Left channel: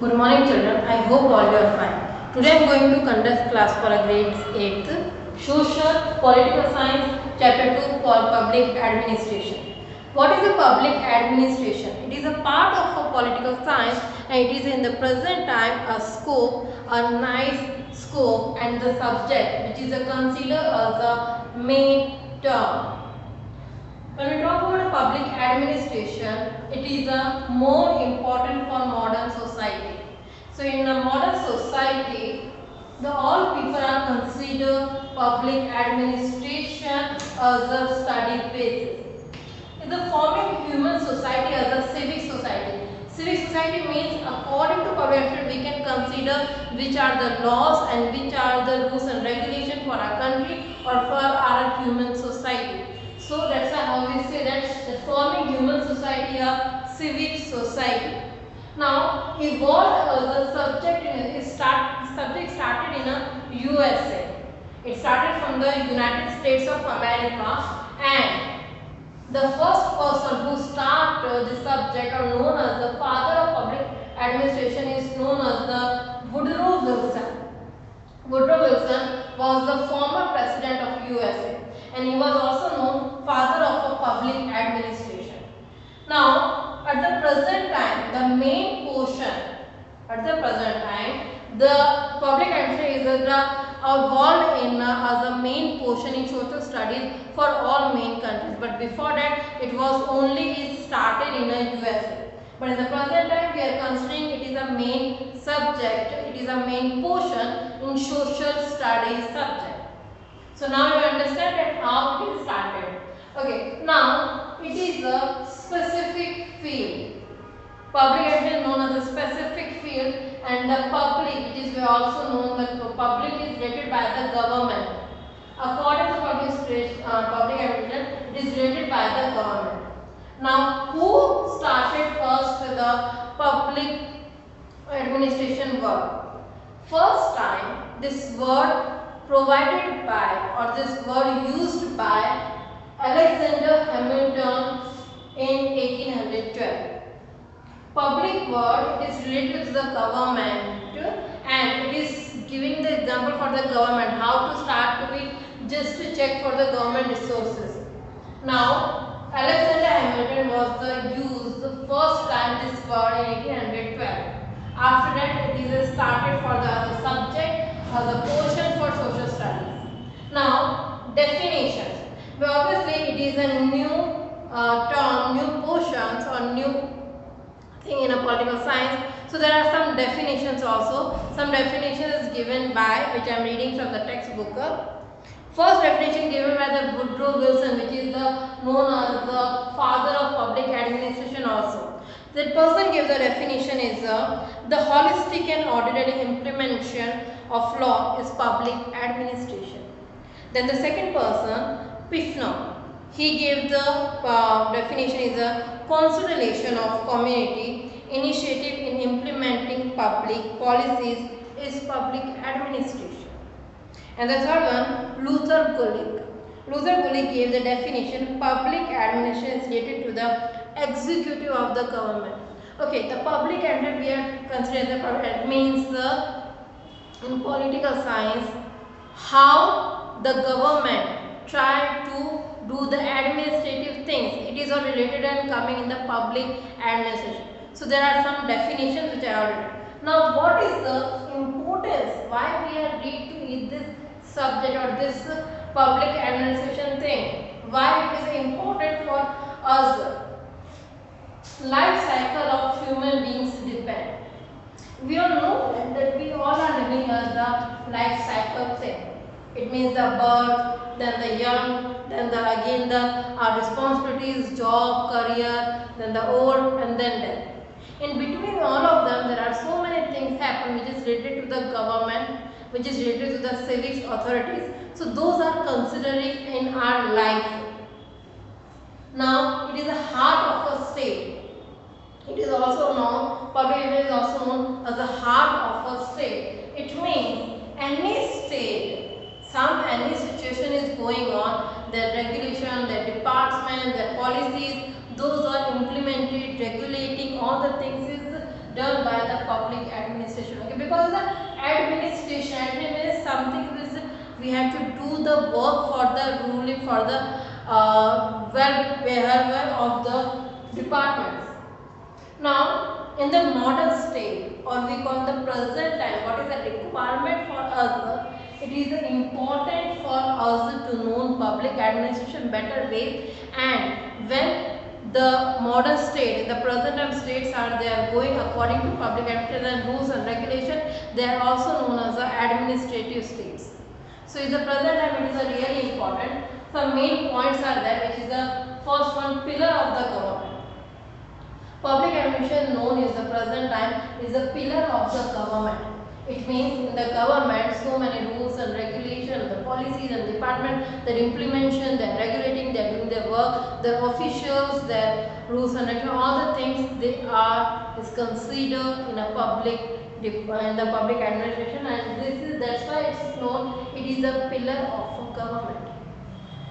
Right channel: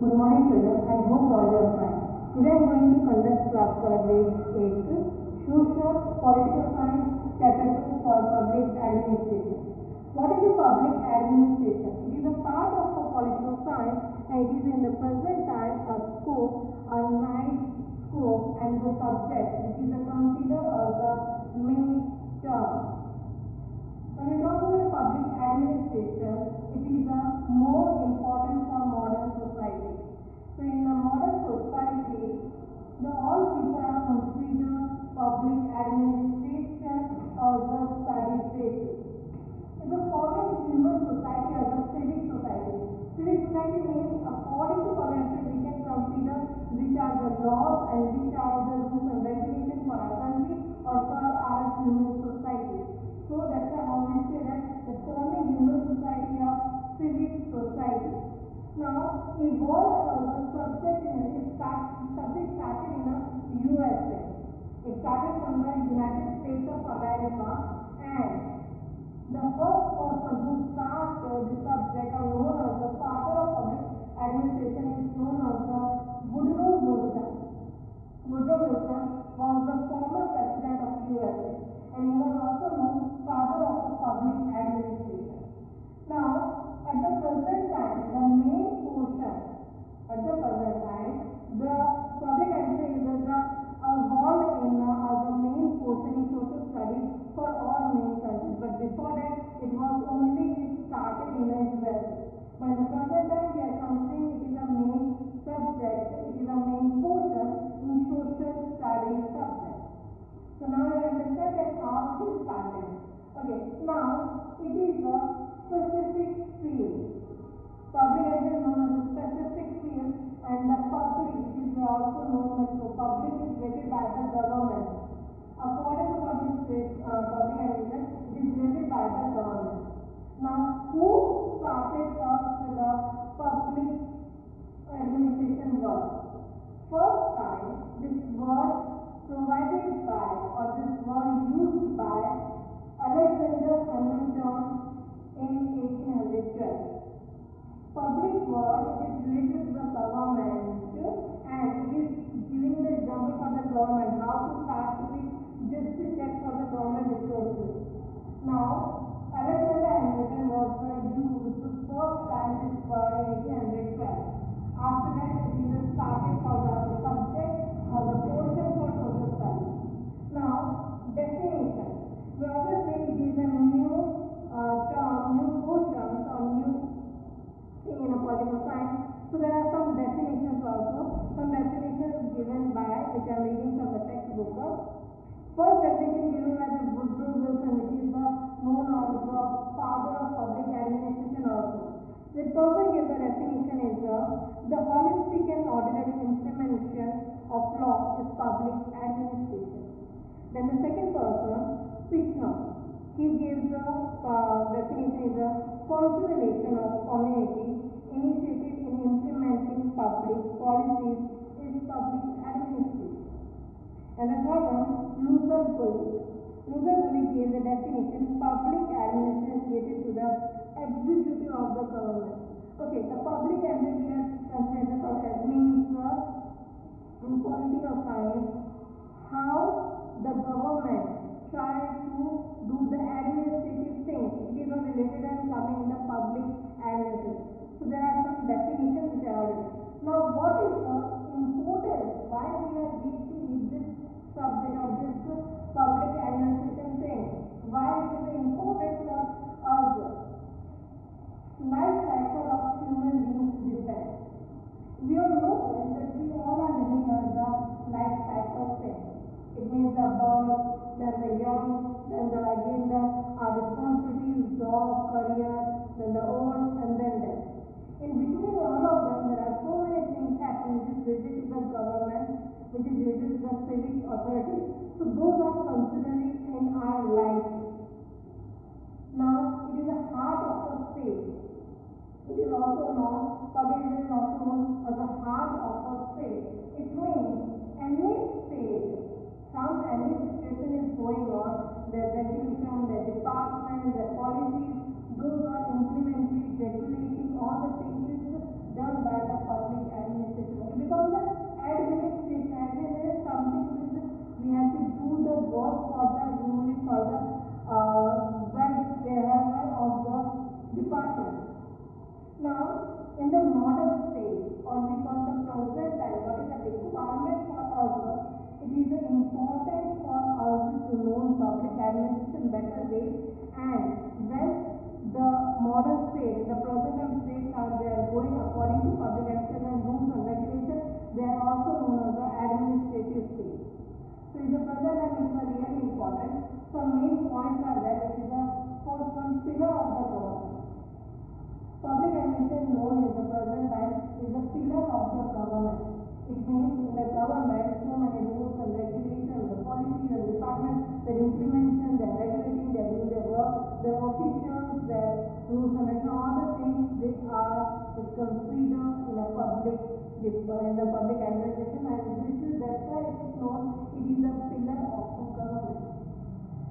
Good morning children, I hope all you are fine. Today I am going to conduct class for a grade 8th Social Political Science Chapter 2 called Public Administration. What is a public administration? It is a part of a political science and it is in the present time a scope, a nice scope and the subject which is considered as the main term. When we talk about public administration, it is a more important for modern society. So in a modern society, the all people are considered public administration as a study basis. In the forming human society as a civic society. Civic society means according to public administration we can consider which are the laws and which are the rules and regulations for our country or for our human society. So that's how we say that the forming human society a civic society. Now evolved the subject subject started in a USA. It started from the United States of America and the first person who started the subject or known as the father of public administration is known as the Woodrow Wilson. Woodrow Wilson was the former president of USA and he was also known father of a public administration. Now, at the present time, the main portion, at the present time, the public administration is evolved in as a main portion in social studies for all main countries. But before that, it was only started in the USA. But in the present time, we are considering it is a main subject, it is a main portion in social studies subject. So now you understand that how it is started. Okay, now it is a specific field. Public administration is known as a specific field and the public, it is also known that the public is rated by the government. According to public administration, it is rated by the government. Now, who started first with the public administration word? First time this word provided by or this word used by Alexander Hamilton in 1812. Public word is related to the government and it is giving the example for the government how to start to be just to check for the government resources. Now Alexander Hamilton was the first time this word in 1812. After that it is started for the subject as a portion for social studies. Now definitions. Well, obviously it is a new term, new portions or new thing in a political science. So there are some definitions also. Some definitions given by which I am reading from the textbook. First definition given by the Woodrow Wilson, which is known as the father of public administration also. That person gives the definition is the holistic and orderly implementation of law is public administration. Then the second person, Pifno, he gave the definition is a consolidation of community initiative in implementing public policies is public administration. And the third one, Luther Gulick. Luther Gulick gave the definition public administration is related to the executive of the government. Okay, the public administration we are considering the public, it means the in political science how the government try to do the administrative things. It is all related and coming in the public administration. So there are some definitions which I already. Now what is the importance? Why we are read to read this subject or this public administration thing? Why it is important for us? Life cycle of human beings depend. We all know that we all are living as the life cycle thing. It means the birth, then the young, then again our responsibilities, job, career, then the old and then death. In between all of them there are so many things happen which is related to the government, which is related to the civic authorities. So those are considering in our life. Now it is the heart of a state. It is also known, public is also known as the heart of a state. It means any state, any situation is going on, their regulation, their department, their policies, those are implemented, regulating all the things is done by the public We have to do the work for the ruling, for the well-behavior of the departments. Now, in the modern state, or we call the present time, what is the requirement for us? It is important for us to know public administration better ways, and when the modern state, the present time states they are going according to public administration rules and regulation, they are also known as the administrative states. So in the present time it is a really important. Some main points are there, which is the first one, pillar of the government. Public administration, known as the present time, is a pillar of the government. It means in the government so many rules and regulations, the policies and department, their implementation, their regulating, they are doing their work, their officials, their rules and regulations, all the things they are is considered in a public administration, and that's why it's known. It is a pillar of government.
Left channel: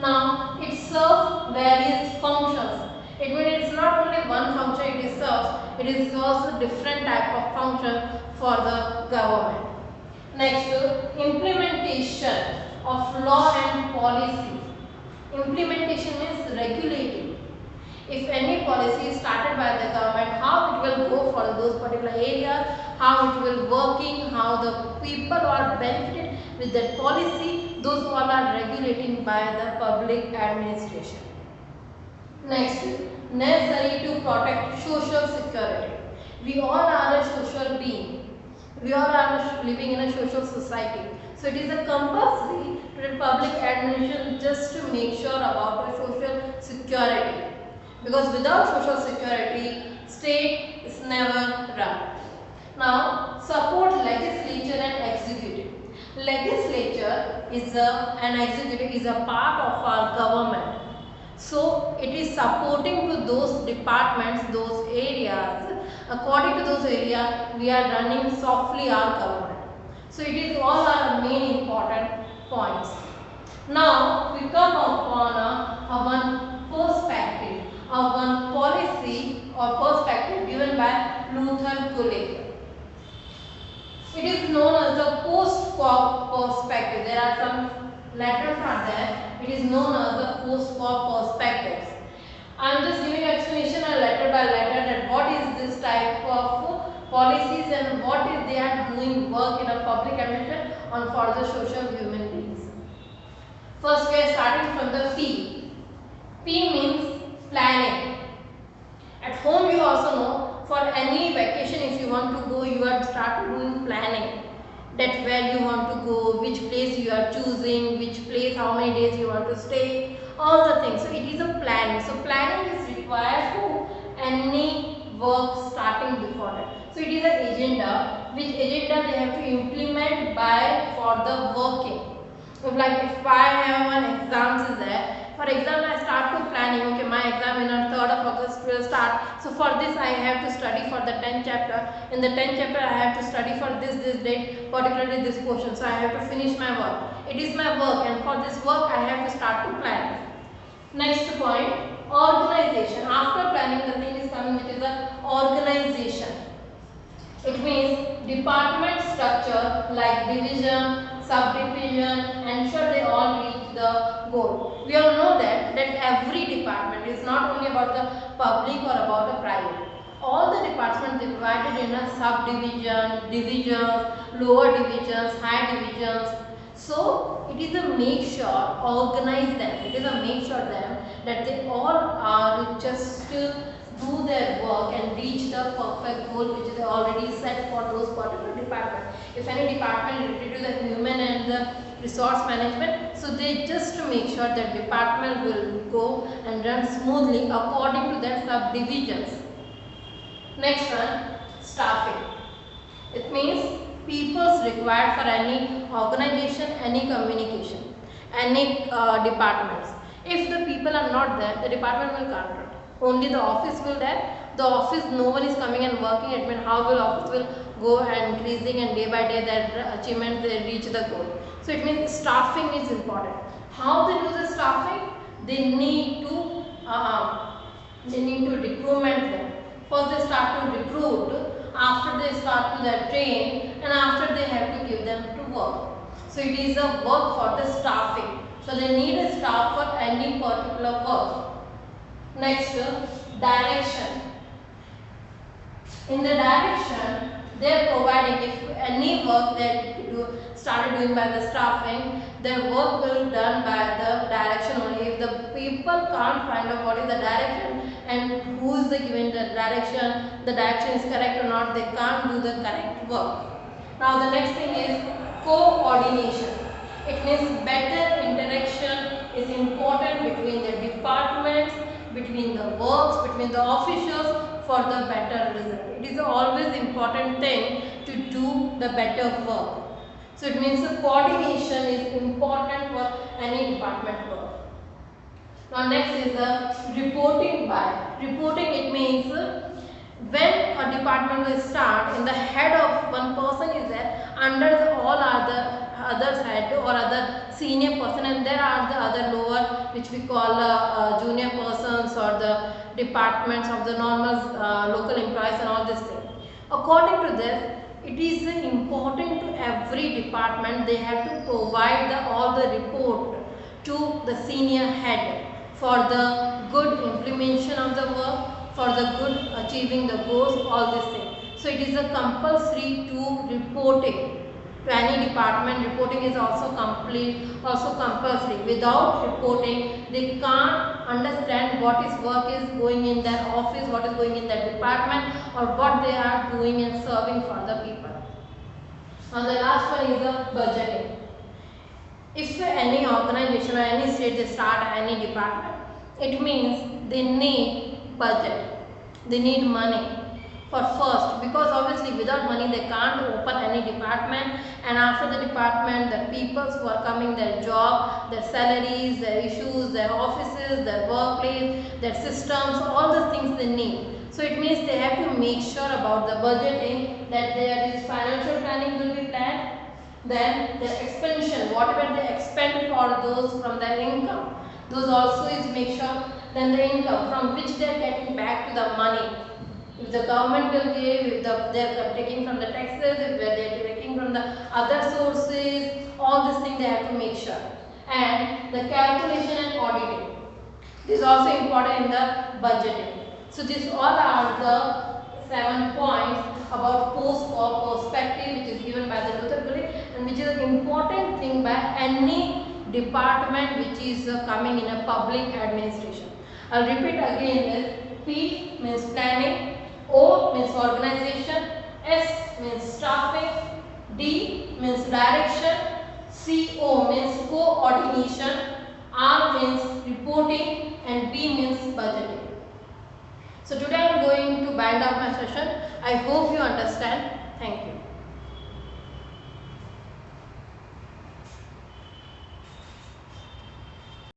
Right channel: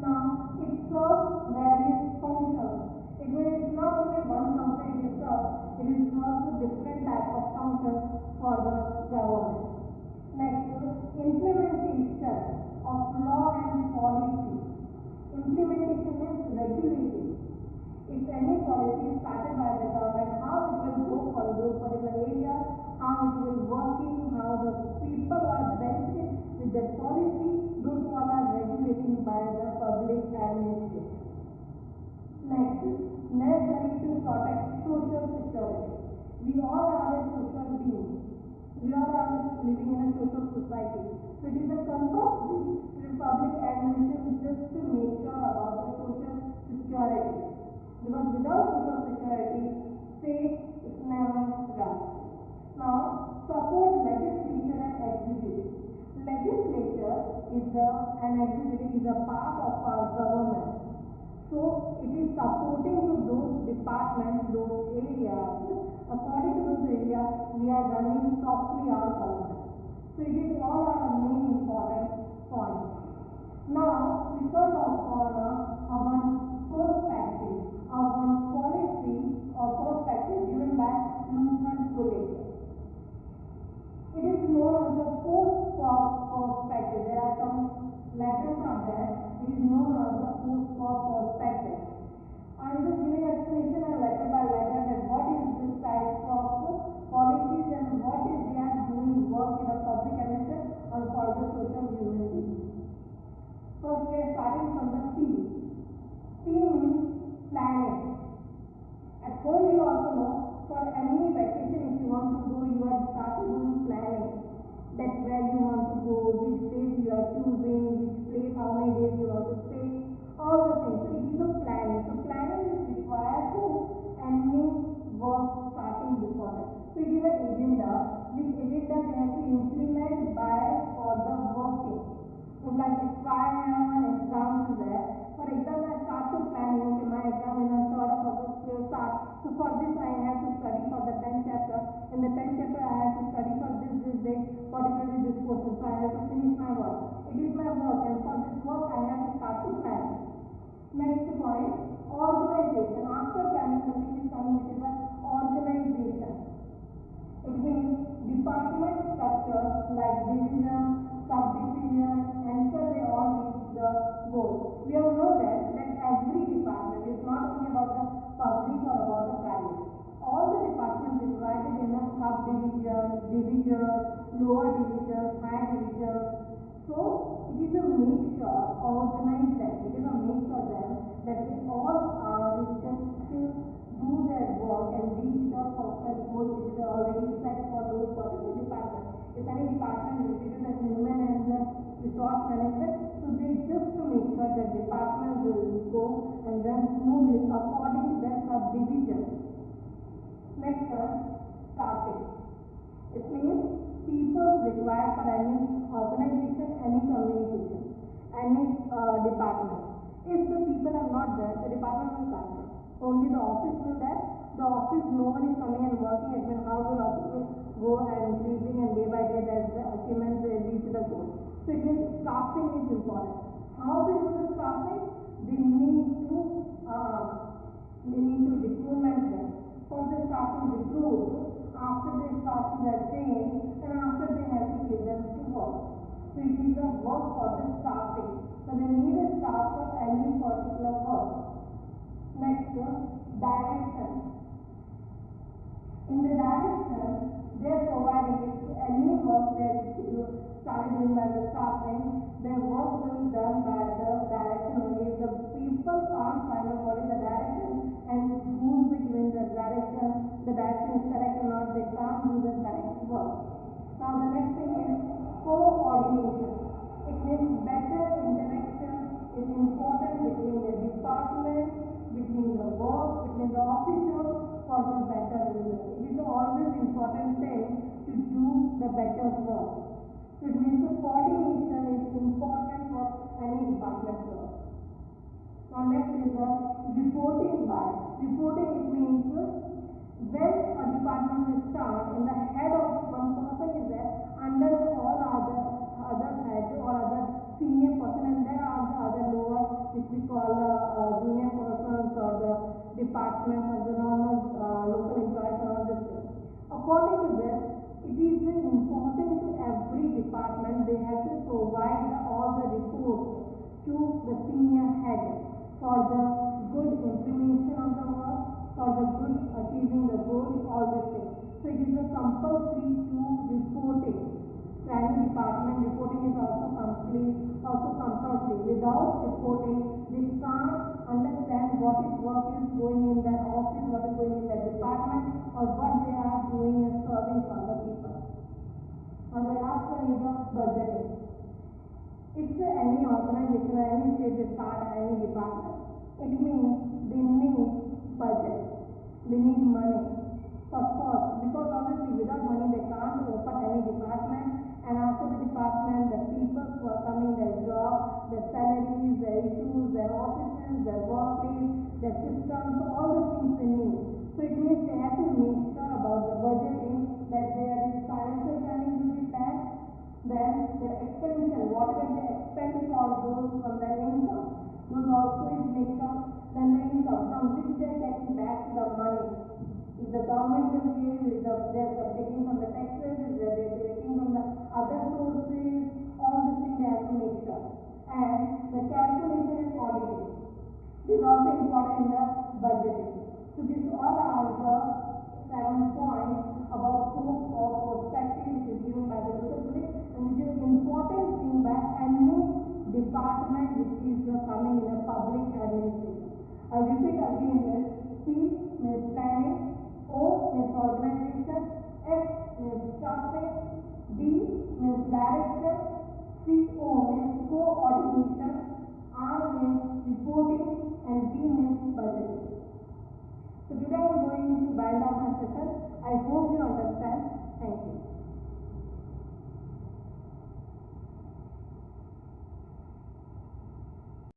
Now it serves various functions. It means it's not only one function it serves a different type of function for the government. Next, implementation of law and policy. Implementation means regulating. If any policy is started by the government, how it will go for those particular areas, how it will working, how the people are benefited with that policy, those all are regulating by the public administration. Next, necessary to protect social security. We all are a social being. We all are living in a social society. So it is a compulsory to the public administration just to make sure about the social security. Because without social security, state is never run. Now, support legislature and executive. Legislature is and executive is a part of our government. So it is supporting to those departments, those areas. According to those areas, we are running softly our government. So it is all our main important points. Now we come upon one perspective, one policy or perspective given by Luther Gulick. It is known as the post-war perspective. There are some letters are there. It is known as the post-war perspectives. I am just giving explanation letter by letter that what is this type of policies and what is they are doing work in a public administration on for the social human beings. First we are starting from the P. P means planning. At home you also know, for any vacation if you want to go, you have started doing planning. That where you want to go, which place you are choosing, which place, how many days you want to stay, all the things. So it is a planning. So planning is required to any work starting before that. So it is an agenda, which agenda they have to implement by for the working. So like if I have one exams is there, for example I start to planning, okay, my exam in on 3rd of August will start. So for this I have to study for the 10th chapter. In the 10th chapter I have to study for this date, particularly this portion. So I have to finish my work. It is my work, and for this work I have to start to plan. Next point, organization. After planning the thing is coming, which is the organization. It means department structure like division, subdivision, ensure they all reach the goal. We all know that every department is not only about the public or about the private. All the departments divided in a subdivision, divisions, lower divisions, high divisions. So it is a make sure, organize them. It is a make sure them that they all are just to do their work and reach the perfect goal which is already set for those particular departments. If any department related to the human and the resource management, so they just to make sure that department will go and run smoothly according to their subdivisions. Next one, staffing. It means people's required for any organization, any communication, any departments. If the people are not there, the department will can't run. Only the office will there. The office, no one is coming and working. It means how will office will go and increasing, and day by day their achievement they reach the goal. So it means staffing is important. How they do the staffing? They need to recruitment them. First they start to recruit. After they start to their train, and after they have to give them to work. So it is a work for the staffing. So they need a staff for any particular work. Next, direction. In the direction, they are providing, if any work they started doing by the staffing, their work will be done by the direction only. If the people can't find out what is the direction and who is the given the direction is correct or not, they can't do the correct work. Now the next thing is coordination. It means better interaction is important between the departments, between the works, between the officials for the better result. It is always important thing to do the better work. So it means the coordination is important for any department work. Now next is the reporting by. Reporting, it means when a department will start, in the head of one person is there, under the all others head or other senior person, and there are the other lower which we call junior persons or the departments of the normal local employees and all this thing. According to this, it is important to every department they have to provide all the report to the senior head for the good implementation of the work, for the good achieving the goals, all these things. So it is a compulsory to reporting to any department. Reporting is also compulsory. Without reporting, they can't understand what is work is going in their office, what is going in their department, or what they are doing and serving for the people. Now the last one is the budgeting. If any organization or any state they start any department, it means they need budget, they need money for first, because obviously without money they can't open any department, and after the department the people who are coming, their job, their salaries, their issues, their offices, their workplace, their systems, all the things they need. So it means they have to make sure about the budgeting, that there is financial planning will be planned, then the expenditure, whatever they expend for those from their income, those also is make sure, then the income from which they are getting back to the money. If the government will give, if they are taking from the taxes, if they are taking from the other sources, all these things they have to make sure. And the calculation and auditing, this is also important in the budgeting. So these all are the 7 points about post or perspective which is given by the Luther Gulick, and which is an important thing by any department which is coming in a public administration. I'll repeat again this. P means planning, O means organization, S means staffing, D means direction, CO means coordination, R means reporting, and B means budgeting. So today I am going to bind up my session. I hope you understand. Thank you.